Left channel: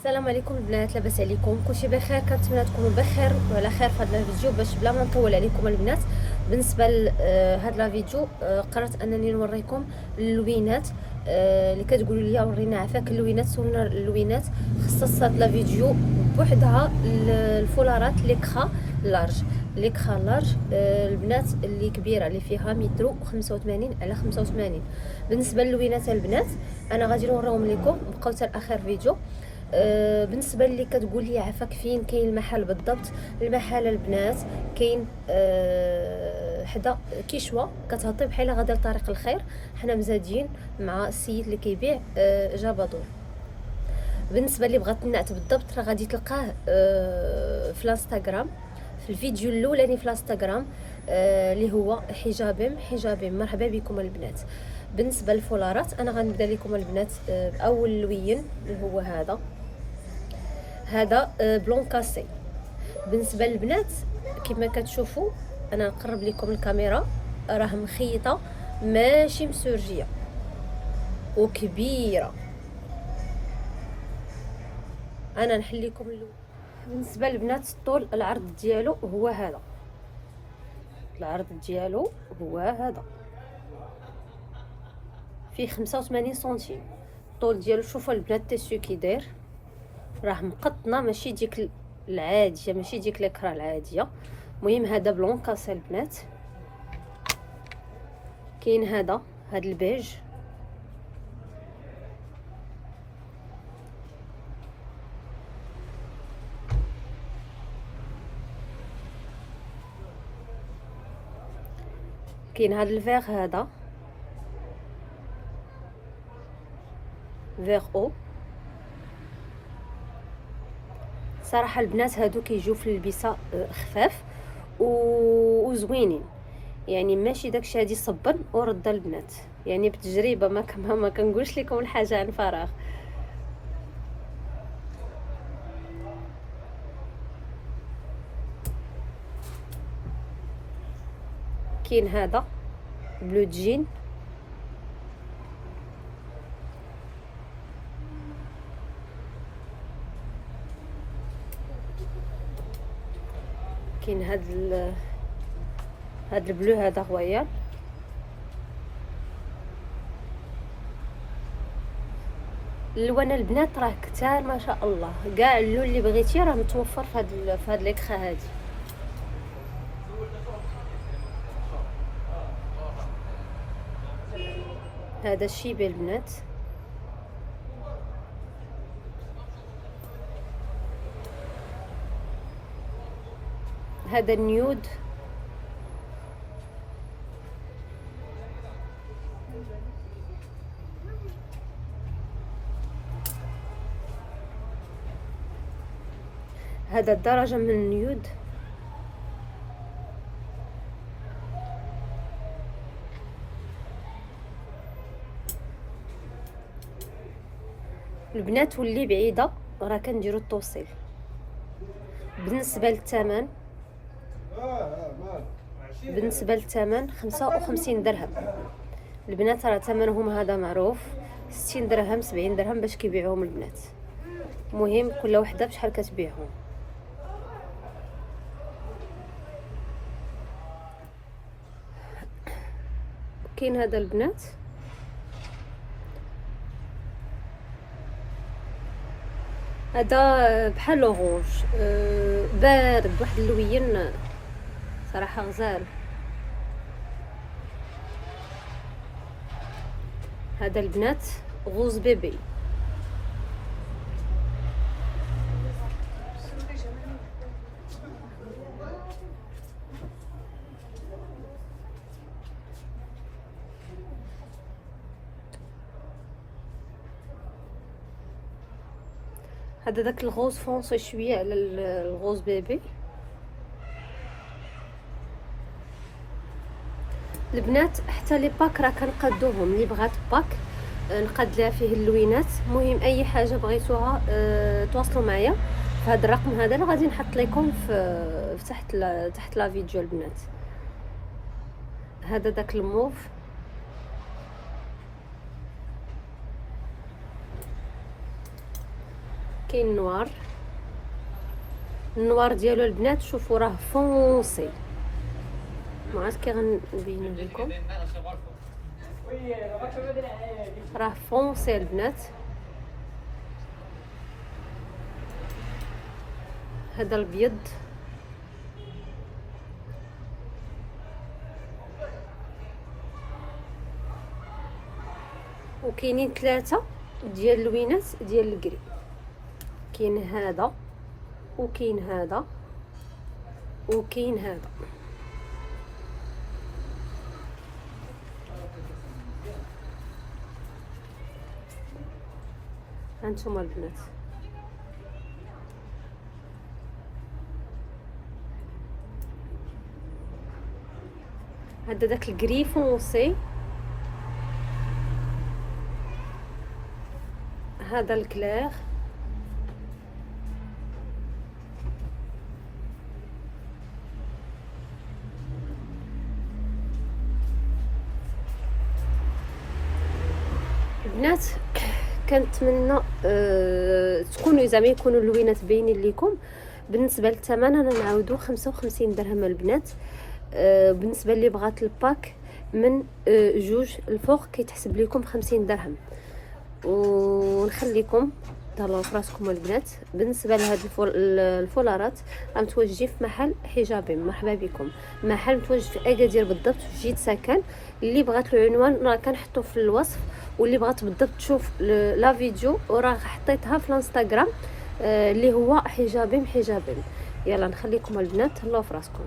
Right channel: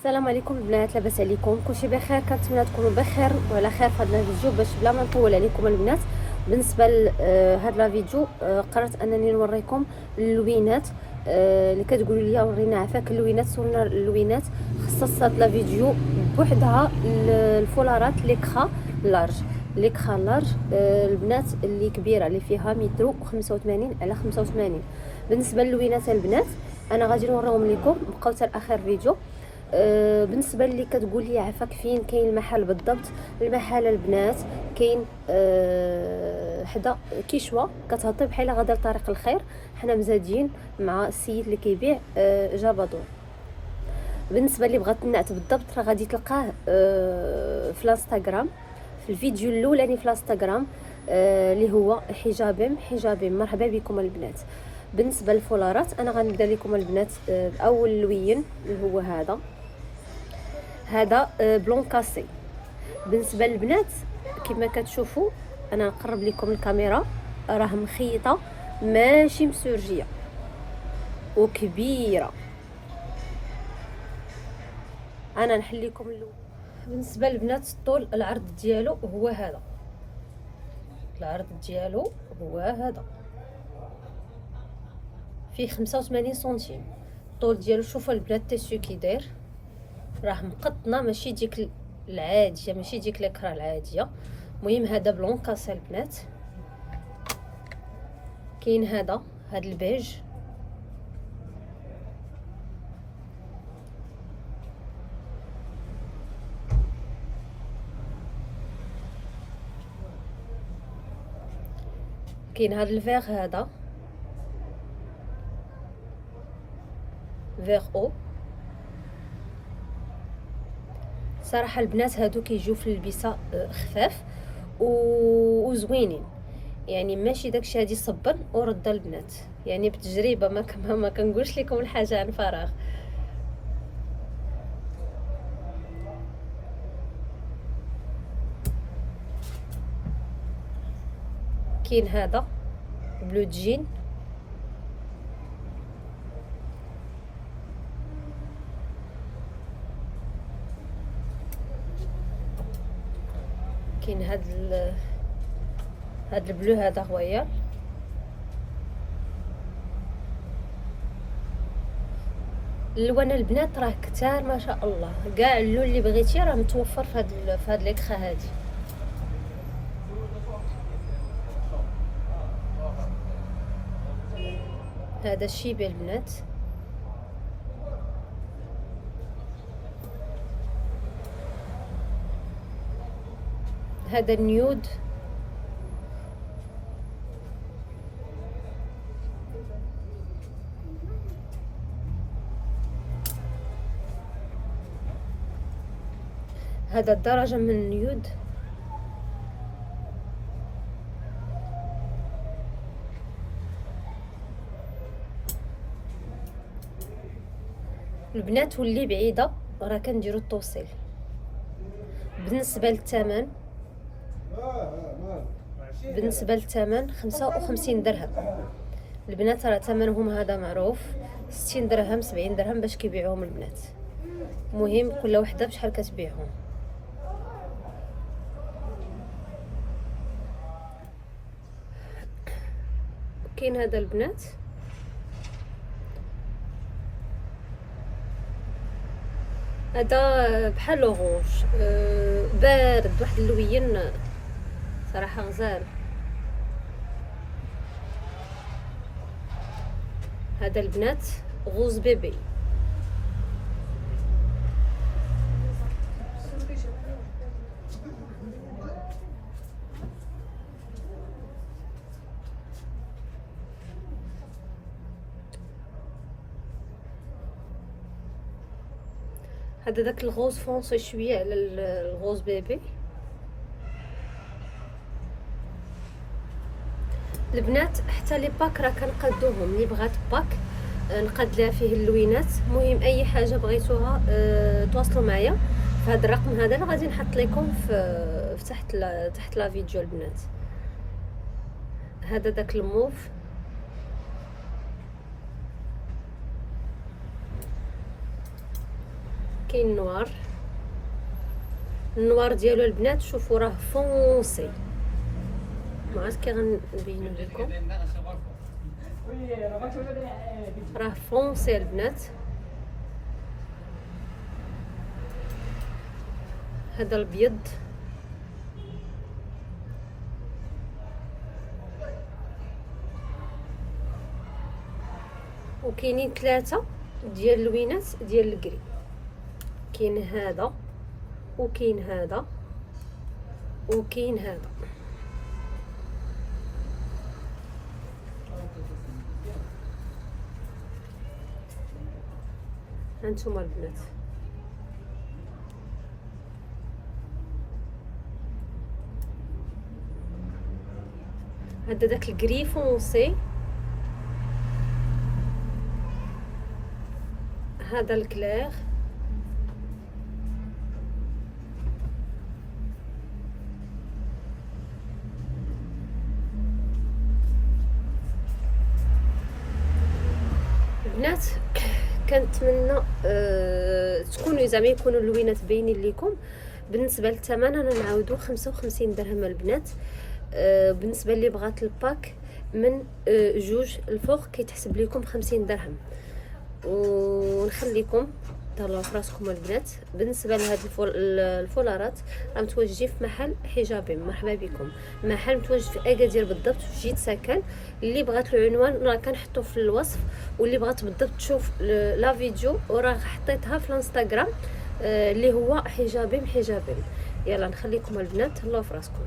السلام عليكم البنات، لاباس عليكم؟ كلشي بخير؟ كنتمنى تكونوا بخير وعلى خير في هذا الفيديو. باش بلا ما نطول عليكم البنات، بالنسبه لهذا الفيديو قررت انني نوريكم اللوينات اللي كتقولوا لي ورينا عفاك اللوينات. صورنا اللوينات. خصصت هذا الفيديو بوحدها الفولارات ليكخا لارج البنات اللي كبيره، اللي فيها متر 85 على 85. بالنسبه للوينات البنات انا غادي نوريهم لكم، بقاو حتى لاخر فيديو. بالنسبه اللي كتقول لي عفاك فين كاين المحل بالضبط، المحل البنات كاين حدا كيشوا كتهطي بحال غادا لطريق الخير. حنا مزادين مع السيد اللي كيبيع جابادور. بالنسبه اللي بغات النعت بالضبط راه غادي تلقاه في الانستغرام، في الفيديو الاولاني في الانستغرام اللي هو حجابم. مرحبا بكم البنات. بالنسبه للفولارات انا غنبدا لكم البنات باول لوين اللي هو هذا بلون كاسي. بالنسبه للبنات كما كتشوفوا انا نقرب لكم الكاميرا، راه مخيطه ماشي مسورجيه وكبيره. انا نحل لكم اللون. بالنسبه للبنات الطول العرض ديالو هو هذا، العرض ديالو هو هذا فيه 85 سنتيم. الطول ديالو شوفوا البنات تيسيو كي داير، راه مقطنه ماشي ديك العاديه، ماشي ديك الكرا العاديه. المهم هذا بلون كاسي البنات. كاين هذا البيج، كاين هذا الفيغ، هذا فيغ او. صراحه البنات هادو كيجيو في البسه خفاف وزوينين، يعني ماشي داكشي هادي صبن ورد البنات، يعني بتجربه ما كنقولش لكم الحاجه عن فراغ. كاين هذا بلو جين، كاين هذا البلو، هذا غوير. الالوان البنات راه كتار ما شاء الله، كاع اللون اللي بغيتي راه متوفر في هاد ليكخا هادي. هذا الشيبي البنات، هذا النيود، هذا الدرجة من النيود. البنات واللي بعيدة راه كنديرو التوصيل. بالنسبة للثمن 55 درهم. البنات راه ثمنهم هذا معروف، 60 درهم 70 درهم باش كيبيعوهم البنات. مهم كل وحده بشحال كتبيعهم. كاين هذا البنات، هذا بحال لوغوج بارد، واحد اللوين صراحه غزال. هذا البنات غوز بيبي، هذا داك الغوز فونسي شويه على الغوز بيبي. البنات حتى لي باك راه كنقادوهم، اللي بغات باك نقاد لها فيه اللوينات. المهم اي حاجه بغيتوها تواصلوا معايا في هذا الرقم هذا اللي غادي نحط لكم في تحت لا فيديو البنات. هذا داك الموف، كاين نوار. النوار ديالو البنات شوفوا راه فونسي، ما عرفت كي غنبين لكم، راه فونسي البنات. هذا الابيض وكاينين 3 ديال اللوينات ديال الكري، كاين هذا وكاين هذا وكاين هذا. هانتوما البنات هذا داك الكري فونسي، هذا الكلير، البنات كنتمنى تكونوا زعما يكونوا اللوينات باينين لكم. بالنسبه للثمن انا نعاودو 55 درهم البنات. بالنسبه اللي بغات الباك من 2 الفوق كيتحسب لكم 50 درهم. ونخليكم تهلاو في راسكم البنات. بالنسبه لهاد الفولارات راه متواجدين في محل حجابين. مرحبا بكم، محل متواجد في اكادير بالضبط في جيت سكن. اللي بغات العنوان راه كنحطو في الوصف، واللي بغات بالضبط تشوف لا فيديو وراه حطيتها في الانستغرام اللي هو حجابين. يلا نخليكم البنات تهلاو في راسكم.